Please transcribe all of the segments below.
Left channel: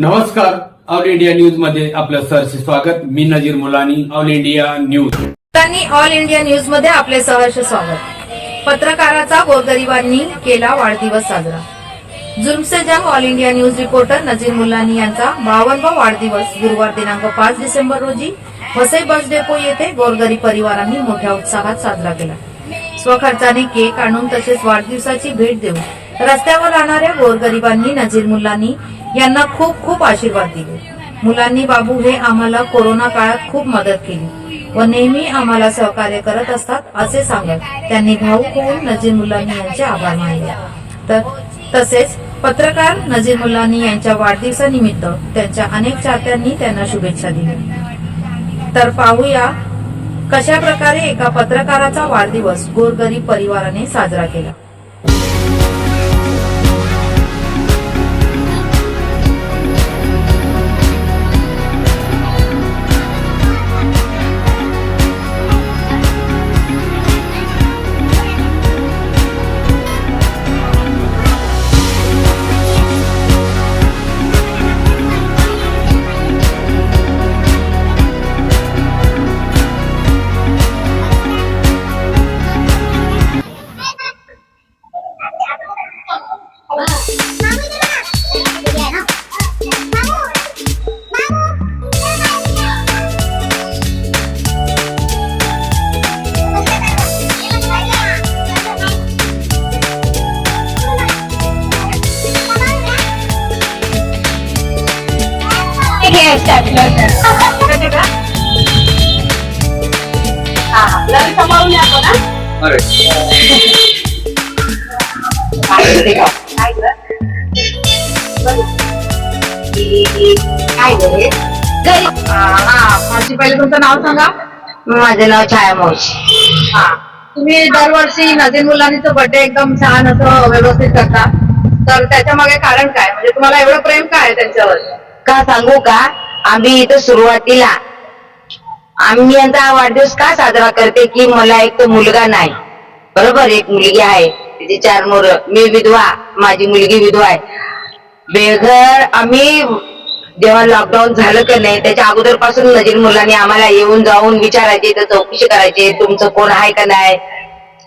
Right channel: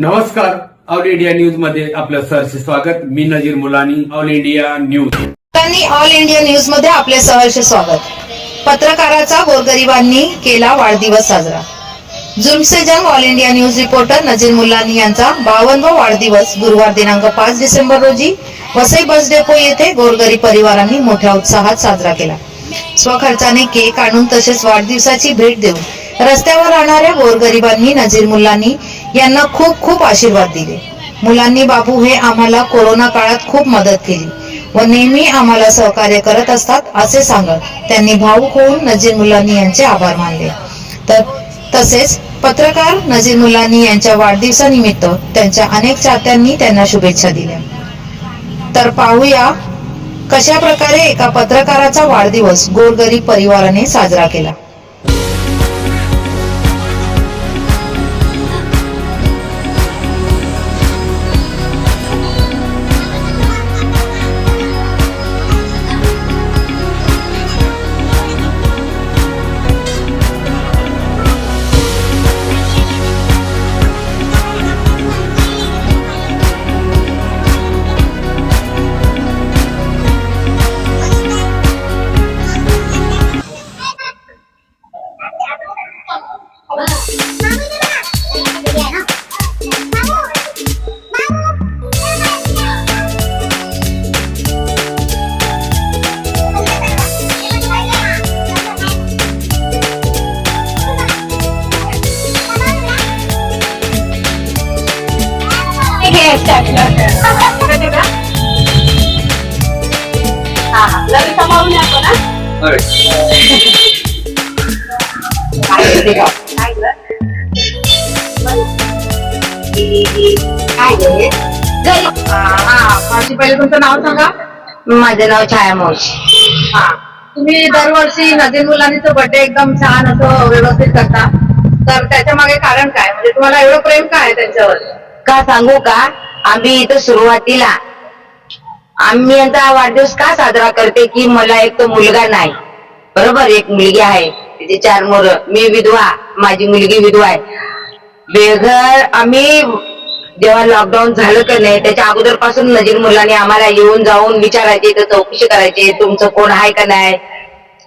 नमस्कार. All India न्यूजमध्ये आपलं सहर्ष स्वागत. मी Nazir Mulani all India news. त्यांनी ऑल इंडिया न्यूजमध्ये आपले सहर्ष स्वागत. पत्रकाराचा गोरगरिबांनी केला वाढदिवस साजरा. जुल्मसे जंग all India news reporter Nazir Mullani यांचा बावनवा वाढदिवस गुरुवार दिनांक पाच डिसेंबर रोजी वसई बस डेपो येथे गोरगरीब परिवारांनी मोठ्या उत्साहात साजरा केला. स्वखर्चाने केक आणून तसेच वाढदिवसाची भेट देऊन रस्त्यावर राहणाऱ्या गोरगरिबांनी नजीर मुल्लानी यांना खूप खूप आशीर्वाद दिले. मुलांनी बाबू हे आम्हाला कोरोना काळात खूप मदत केली. व नेहमी आम्हाला सहकार्य करत असतात असे सांगत त्यांनी भाऊक होऊन नजीर मुल्लानी यांचे आभार मानले. तर तसेच पत्रकार नजीर मुल्लानी यांच्या वाढदिवसानिमित्त त्यांच्या अनेक चाहत्यांनी त्यांना शुभेच्छा दिल्या. तर पाहूया कशा प्रकारे एका पत्रकाराचा वाढदिवस गोरगरीब परिवाराने साजरा केला. मावशी पहिले तुमचं नाव सांगा माझं नाव छाया मावशी. हा. तुम्ही दरवर्षी नवीन मुलांनीच बर्थडे एकदम छान असं व्यवस्थित करता. तर त्याच्यामागे कारण काय? म्हणजे तुम्हाला एवढं प्रेम काय आहे त्यांच्यावर? का सांगू का? आम्ही इथं सुरुवातीला. आम्ही यांचा वाढदिवस का साजरा करते की मला एक तो मुलगा नाही. बरोबर? एक मुलगी आहे. तिचे चार मोर मी विधवा. माझी मुलगी विधवा आहे. बेघर आम्ही जेव्हा लॉकडाऊन झालं का नाही त्याच्या अगोदरपासून नजीर मुलांनी आम्हाला येऊन जाऊन विचारायचे तर चौकशी करायचे तुमचं कोण आहे का नाही?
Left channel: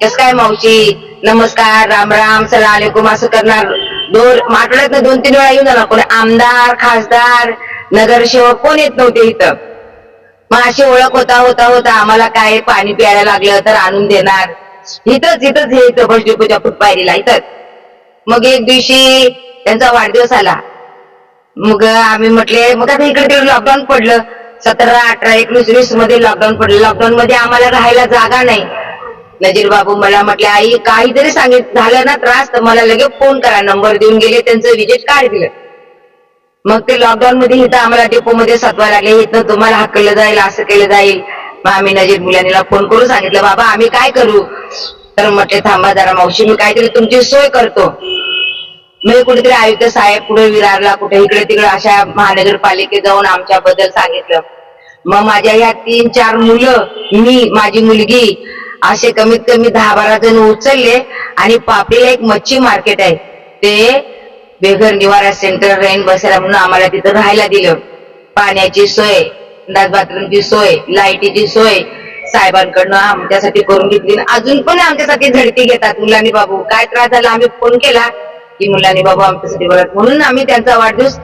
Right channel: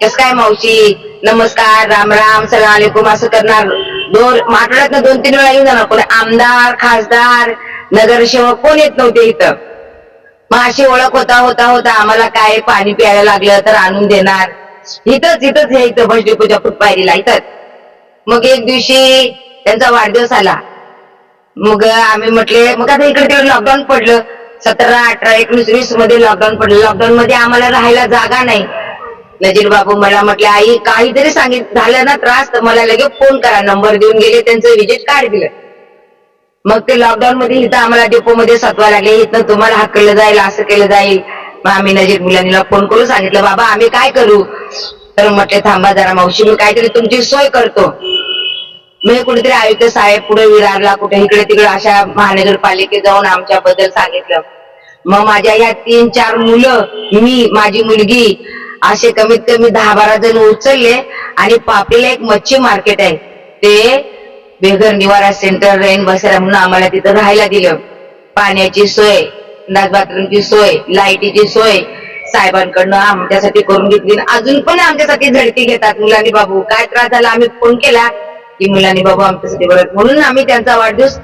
कस काय मावशी? नमस्कार राम राम सलाम असं करणार दोन आठवड्यात दोन तीन वेळा येऊन जाणार कोण आमदार खासदार नगरसेवक कोण येत नव्हते इथं. मग अशी ओळख होता होता होता. आम्हाला काय पाणी प्यायला लागलं तर आणून देणार. इथंच इथंच हे इथं बस फुटपायरीला इथंच. मग एक दिवशी त्यांचा वाढदिवस आला. मग आम्ही म्हटले मग आता इकडे तिकडे लॉकडाऊन पडलं. सतरा अठरा एकवीस वीसमध्ये लॉकडाऊन पडलं. लॉकडाऊन मध्ये आम्हाला राहायला जागा नाही. नजीर बाबू मला म्हटले आई काहीतरी सांगित झालं ना त्रास तर मला लगेच फोन करा. नंबर देऊन गेले त्यांचं विजिट कार्ड दिलं. मग ते लॉकडाऊन मध्ये इथं आम्हाला डेपो मध्ये सतवा लागले. इथं तुम्हाला हकलं जाईल असं केलं जाईल. मग आम्ही नजीर मुलांनीला फोन करून सांगितलं बाबा आम्ही काय करू? तर म्हटले थांबा जरा मावशी मी काहीतरी तुमची सोय करतो. मी कुठेतरी आयुक्त साहेब पुढे विरारला कुठे इकडे तिकडे अशा महानगरपालिकेत जाऊन आमच्याबद्दल सांगितलं. मग माझ्या ह्या तीन चार मुलं मी माझी मुलगी असे कमीत कमी दहा बारा जण उचलले आणि पापडीला एक मच्छी मार्केट आहे. ते बेघर निवारा सेंटर रेन बसेरा म्हणून आम्हाला तिथं राहायला दिलं. पाण्याची सोय संडास बाथरूमची सोय लाईटीची सोय साहेबांकडनं आमच्यासाठी करून घेतली. अजून पण आमच्यासाठी झडती घेतात मुलांनी बाबू. काय त्रास झाला आम्ही फोन केला की मुलांनी बाबू आमच्यासाठी बोलत म्हणून आम्ही त्यांचा वाढदिवस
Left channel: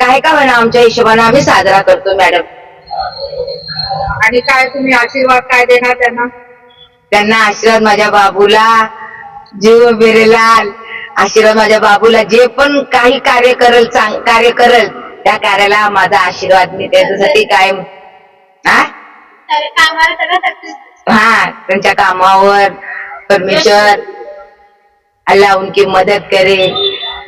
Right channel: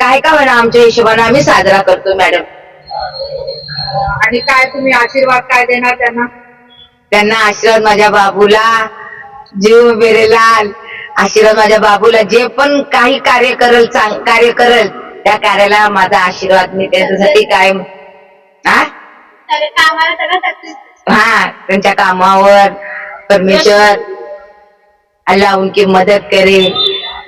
काय का होईना आमच्या हिशोबाने आम्ही साजरा करतो मॅडम. आणि काय तुम्ही आशीर्वाद काय देणार त्यांना? त्यांना आशीर्वाद माझ्या बाबूला. जीव बेरेलाल आशीर्वाद माझ्या बाबूला. जे पण काही कार्य करल चांग कार्य करल त्या कार्याला माझा आशीर्वाद मी त्यांच्यासाठी काय हा हाँ त्यांच्या कामावर परमेश्वर अल्लाह उनकी मदद करे.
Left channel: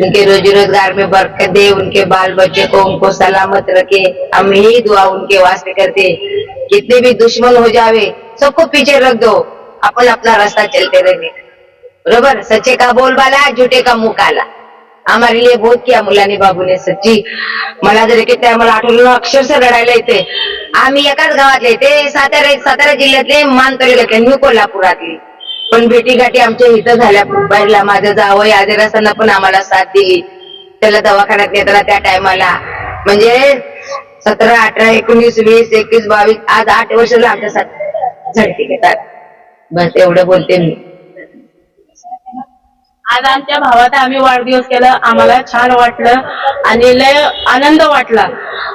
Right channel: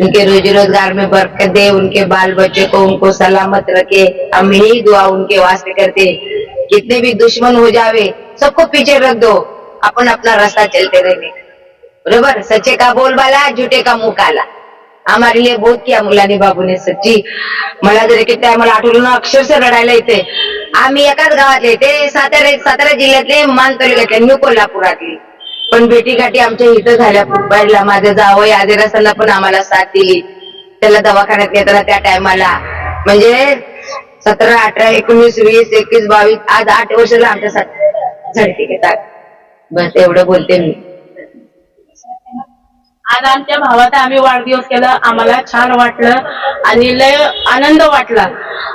उनके रोजी रोजगार में बरकत दे. उनके बाल बच्चे को उनको सलामत रखे. हम यही दुआ उनके वास्ते करते. कितने भी दुश्मन हो जावे सबको पीछे रख दो. अपन अपना रास्ता चलते रहने बरोबर? सच्चे का बोलबाला झुटे का मुकाला? आम्हाला हमारे लिए बहुत किया मुलानी बाबूने. सच्ची मला जर एक मला आठवलं ना अक्षरशः रडायला येते. आम्ही एकाच गावातले ते सातारा सातारा जिल्ह्यातले मान तालुक्यातले मी कोल्हापुरातली. पण भेटी गाठी आमच्या इथं झाल्या. बाहेरला माझं जावं आजार असताना पण आम्हाला साथ दिली. त्याला दवाखान्यात नेताना त्या टायमाला. म्हणजे सतरा अठरा एकोणीस वीस एकवीस बावीस आज आठ वर्षाला आमच्या झडती घेतात. बस एवढं बोलते मी. आज आमच्या भावाचा आम्ही वाढदिवस केला. आम्हाला छान वाटलं आणि लय आनंद वाटला.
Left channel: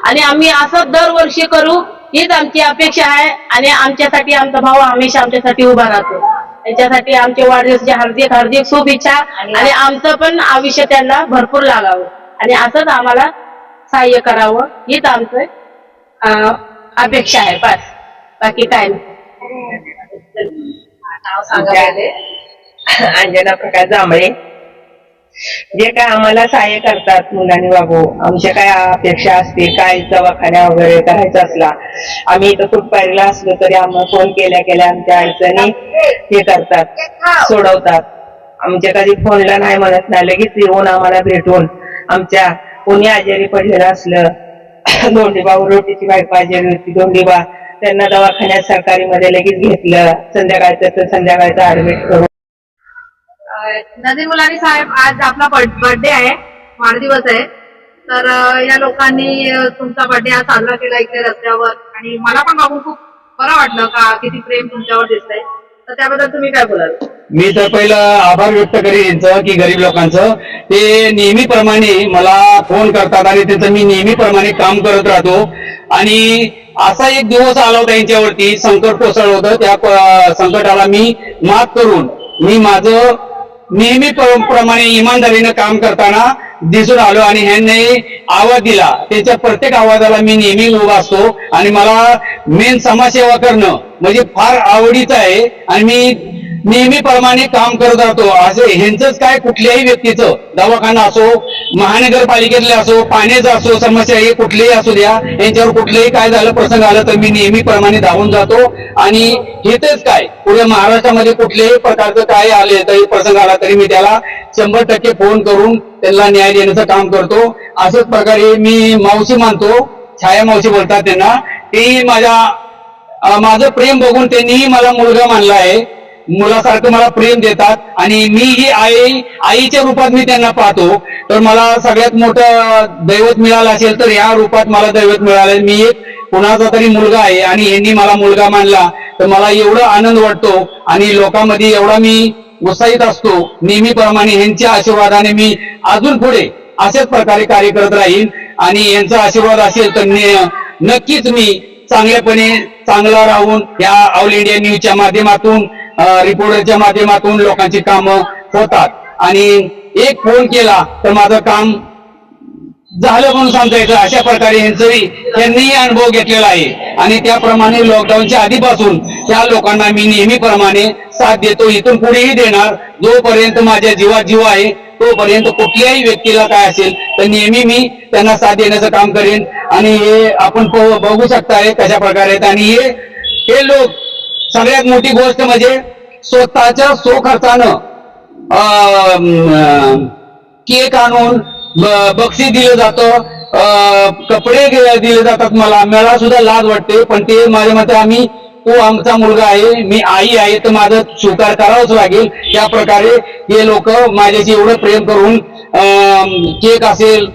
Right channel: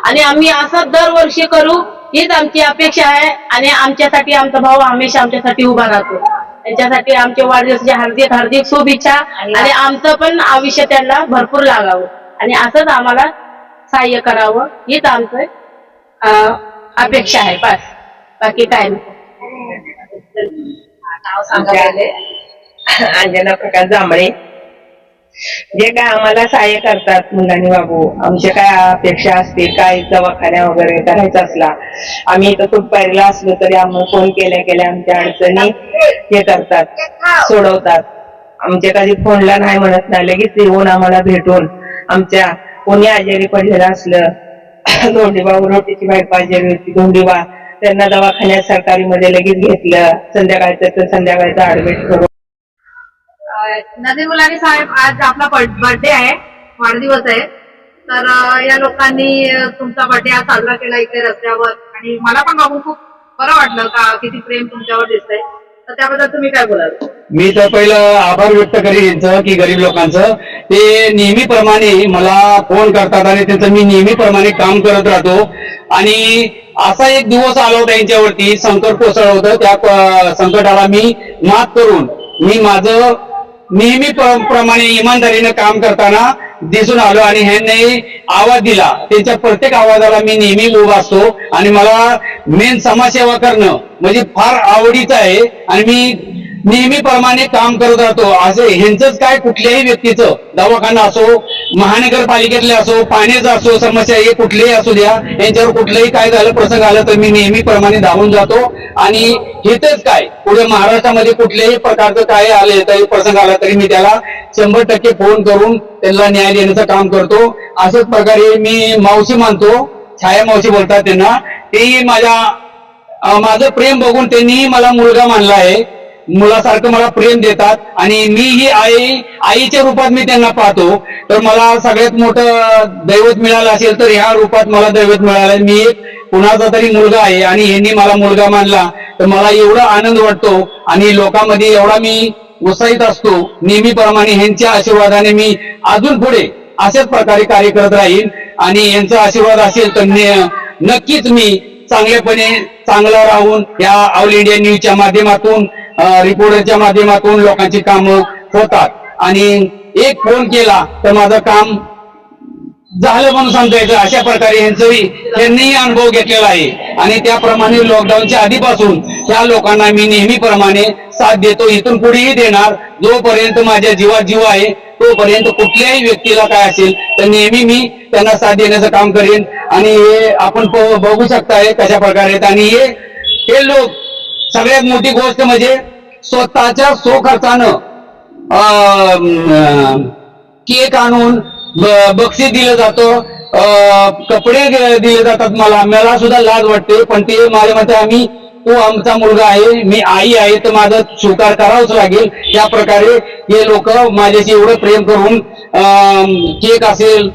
आणि आम्ही असं दरवर्षी करू हीच आमची अपेक्षा आहे. आणि आमच्यासाठी आमचा भाऊ हमेशा आमच्यासाठी उभा राहतो. त्यांच्यासाठी आमच्या वाढदिवसाची हार्दिक हार्दिक शुभेच्छा. आणि आमचं पण आयुष्य त्यांना भरपूर लागावं. आणि असंच आम्हाला सहाय्य करावं हीच आमचं अपेक्षा आहे. बस. बाकी काय नाही. नाव सांगा आमच्या- पहिले. अंजना प्रकाश जांभळे जे काय आम्हाला सहाय्य करतात मुलांनी बाबू आमच्या काय अपेक्षा असते काय दवाखान्या वगैरे करायचा असला आम्ही इथं फुटपारीला असलो तरी आम्हाला फोन केल्या केल्या आमच्या अडचणी हे करतात सोडवतात आमच्या कधी फोनला नाही म्हणत नाही लगेच येऊन आम्हाला भेटून आमच्या कोणी आजारी पडलेलं असलं धोंडीबा रोटीची बायको आजारी होती धोंडीबा त्यांना दवाखान्यात सरकारी मध्ये लगेच घेतलं. संध्याकाळचं तर संध्याकाळचं ऍडमिट करून. नजीर मुलानी साहेब आज आपला बर्थडे आहे. वाढदिवस आहे. तर या लोकांनी तुमचा बर्थडे आज साजरा केला इकडे रस्त्यावर. आणि मला पण बघून खूप बरं वाटलं का किती प्रेम तुमच्यावर दिसतंय. तर त्याबद्दल तुम्ही काय बोलाल? मी तर पहिलं आभार व्यक्त करीन यांचं की गरीब लोकांचं. ते नेहमीप्रमाणे मला फोन करतात आणि त्यांचं मी नेहमीप्रमाणे काम करत राहतो. आणि असा एक दिवस आला होता यांच्यावरती. संकट कोसळलं होतं. त्या संकटाला मी मात करून मी माझं नेहमी प्रमाणे इमानदारीनं काम करताना दिसून आलो आणि ह्यांनी आवाज दिला. त्यांच्या प्रत्येक आवाजाला मी नेहमी उभा असतो आणि मला मेन समाजसेवा करणं म्हणजे फार आवडीचं आहे. आणि मी नेहमीप्रमाणे काम करत राहतो. असे ह्यांचंच काय कुठल्याही व्यक्तीचं दवाखाना असो महानगरपालिकेतले असो पाण्याचं असो समस्या हे कुठलेही असू द्या यांच्यावर कुठलंही काय झालं प्रसंग आला तर मी नेहमीप्रमाणे धावून जातो. आणि हेच काय? पुढे महाराष्ट्रामध्ये कुठल्याही प्रकारचं काय आले तरी प्रसंग आला तरी मी त्याला शंभर टक्के फोन करून त्यांना न्याय देण्याचं काम करतो. अशाच प्रकारे मी मावशी मानतो. छाया मावशी बोलतात त्यांना. तेही माझ्या माझं प्रेम बघून त्यांनीही मला मुलगा मानला आहे. मुलासारखं मला प्रेम देतात आणि मी ही आई आईच्या रूपात मी त्यांना पाहतो. तर मला सगळ्यात मोठं दैवत मिळालं असेल तर ह्या रूपात मला दैवत मिळालं मी एक कुणाचा तरी मुलगा आहे आणि यांनी मला मुलगा मानला तर मला एवढा आनंद वाटतो आणि लोकांमध्ये एवढा मी उत्साहित असतो. नेहमीप्रमाणे ह्यांच्या आशीर्वादाने मी अजून पुढे अशाच प्रकारे कार्य करत राहीन आणि यांचा आशीर्वाद असेल तर ने- नक्कीच मी चांगल्यापणे चांगला राहून या ऑल इंडिया न्यूजच्या माध्यमातून रिपोर्टरच्या माध्यमातून लोकांची कामं होतात. आणि एक फोन केला तर माझं काम झालं म्हणून सांगता येतं. अशा प्रकारे यांचं त्यांनीही अनुभव घेतलेला आहे. आणि त्याप्रमाणे लॉकडाऊनच्या आधीपासून त्या लोकांना मी नेहमीप्रमाणे साथ देतो. इथून पुढेही देणार. जोपर्यंत माझ्या जीवात जीव आहे तोपर्यंत कुठल्याही व्यक्तीला काय असेल तर नेहमी मी त्यांना साथ देण्याचं काम करेन. आणि हे आपण बघू शकताय कशा प्रकारे आहेत. आणि हे हे लोक सगळ्यात मोठी गोष्ट म्हणजे स्वतःच्या सोखर्चानं केक आणून बक्षीस दिलं जातं कपडे दिले जातात मला. मला सुद्धा लाज वाटते पण ते माझ्या मते आम्ही तो आमचा मुलगा आहे मी आई आहे तर माझं स्वीकार करावंच लागेल. त्या प्रकारे हे लोक माझ्याशी एवढं प्रेम करून केक असेल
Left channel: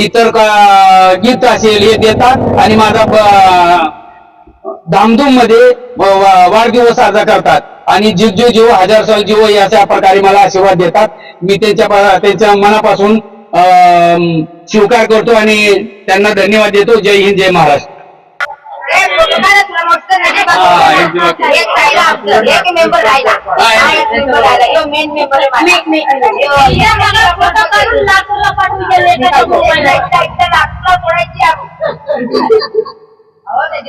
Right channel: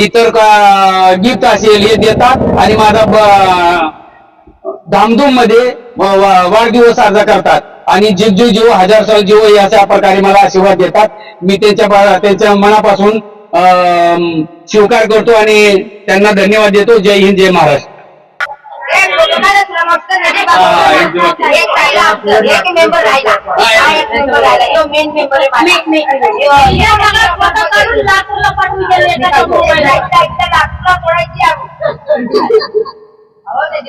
इतर का गिफ्ट असेल हे देतात. आणि माझा धामधूममध्ये वा- वाढदिवस साजरा करतात. आणि जीव जीव जीव हजार साल जीव हे अशा प्रकारे मला आशीर्वाद देतात. मी त्यांच्या त्यांच्या मनापासून स्वीकार करतो आणि त्यांना धन्यवाद देतो. जय हिंद जय महाराष्ट्र.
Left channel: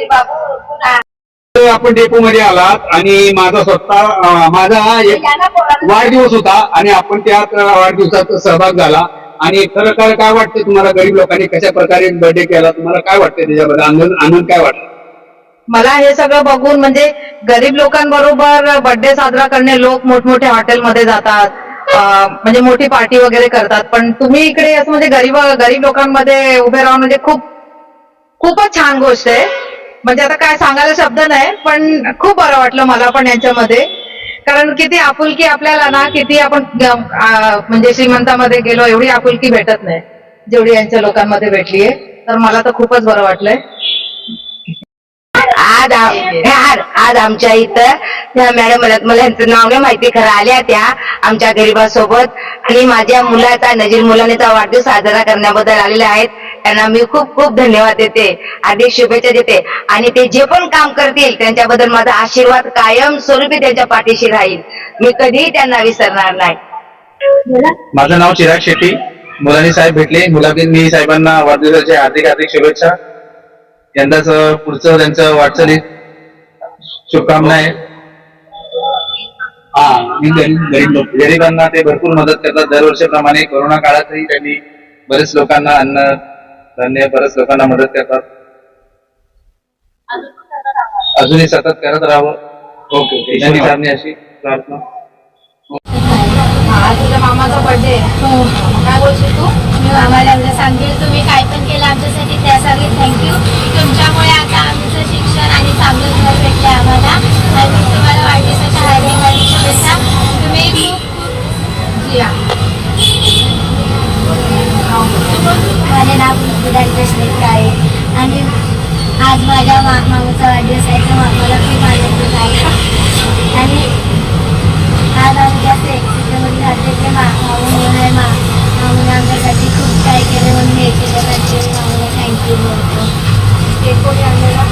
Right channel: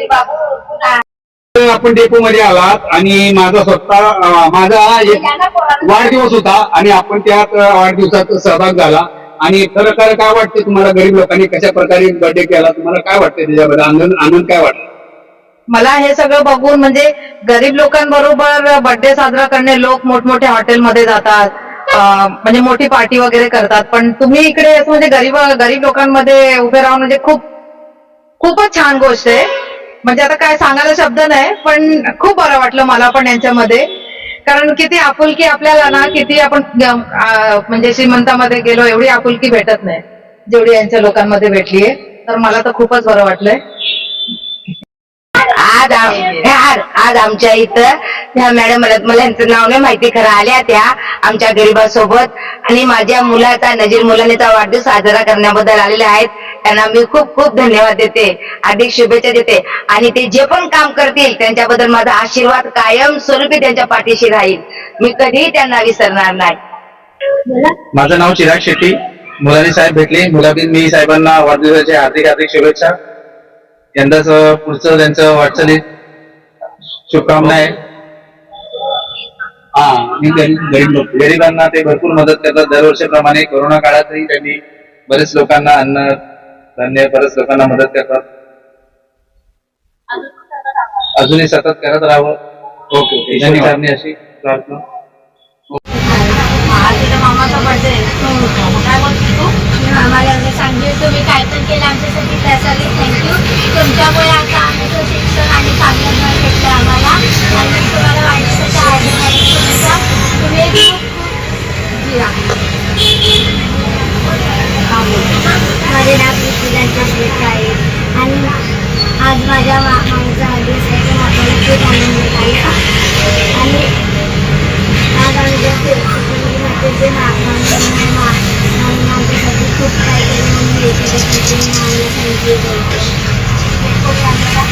बाबू. आपण डेपो मध्ये आलात आणि माझा स्वतः माझा एक वाढदिवस होता आणि आपण त्यात वाढदिवसात सहभाग झाला. आणि खरं खरं काय वाटतं तुम्हाला? गरीब लोकांनी कशा प्रकारे बर्थडे केला? तुम्हाला काय वाटतं त्याच्याबद्दल? आनंद आनंद काय वाटतं? मला हे सगळं बघून म्हणजे गरीब लोकांबरोबर बर्थडे साजरा करणे लोक मोठमोठ्या हॉटेलमध्ये जातात. म्हणजे मोठी पार्टी वगैरे करतात. पण तुम्ही इकडे असं म्हणजे गरीब गरीब लोकांमध्ये उभे राहून म्हणजे खूप खूपच छान गोष्ट आहे. म्हणजे आता काय सांगायला शब्द नाही पण खूप बरं वाटलं मला पण यांच्यामध्ये. कारण किती आपुलकी आपल्याला ना किती आपण म्हणजे श्रीमंतामध्ये गेलो एवढी आपुलकी भेटत नाही जेवढी यांच्या लोकांमध्ये भेटलीये तर मला तर खूपच बरं वाटलंय. आज आज आमच्या इथं त्या मॅडम मला मला यांचं नाव नाही माहिती खरं आल्या त्या आमच्या गरीबासोबत. आणि माझ्या मुलाचा नजीर मुलानेचा वाढदिवस साजरा करण्याबद्दल आलेल्या आहेत. त्यांना मी खूप खूप धन्यवाद देते. अधिक शुभेच्छा देते. आणि ते जे पण काम करतील त्यांच्याबद्दल माझा आशीर्वाद कायम स्वरूपी त्यांच्या पाठीशी राहील. मी कधीही त्यांना विसरणार नाही. माझं नाव चिराग शेट्टी. मुलानी साहेब भेटले. मुलाबीन मी साहेबांना वाढदिवसाच्या हार्दिक हार्दिक शुभेच्छा. यंदाच पुढचं त्यांचं वाटचालीत शुभकामना आहे. हा मी गरीब गरीब लोक गरिबांना ते भरपूर मदत करतात. दरवर्षीप्रमाणे कोरोना काळातही त्यांनी बरेच लोकांना अन्न धान्य बरेच लोकांना मदत करतात. अजूनही सतत करत राहावं. Okay okay. धन्यवाद. अशी प्रार्थना. मामाचा बर्थडे काय बोलशील तू? मी आम्हाला सांगेल तुम्ही काय पण केलं आमच्यासाठी त्यासाठी थँक्यू तुमच्यामुळे आता आमचं शिक्षण आणि चांगलं घर भेटलं आम्हाला. आणि तुम्हाला वाढदिवसाच्या हार्दिक तुम्ही खूप खूप जिरा. आहे आणि आज माझ्या मा मामाचा वाढदिवस आहे तो मला खूप आनंद आहे. आणि आज आम्ही ज्या फ्लेक्सिबल राहते ते मा मामी म्हणून आहे मा मामीने आमच्यासाठी खूप काय केलं म्हणून हे त्याच्यासाठी मी मामीला थँक्यू बोलतो केक कोणी आणलेला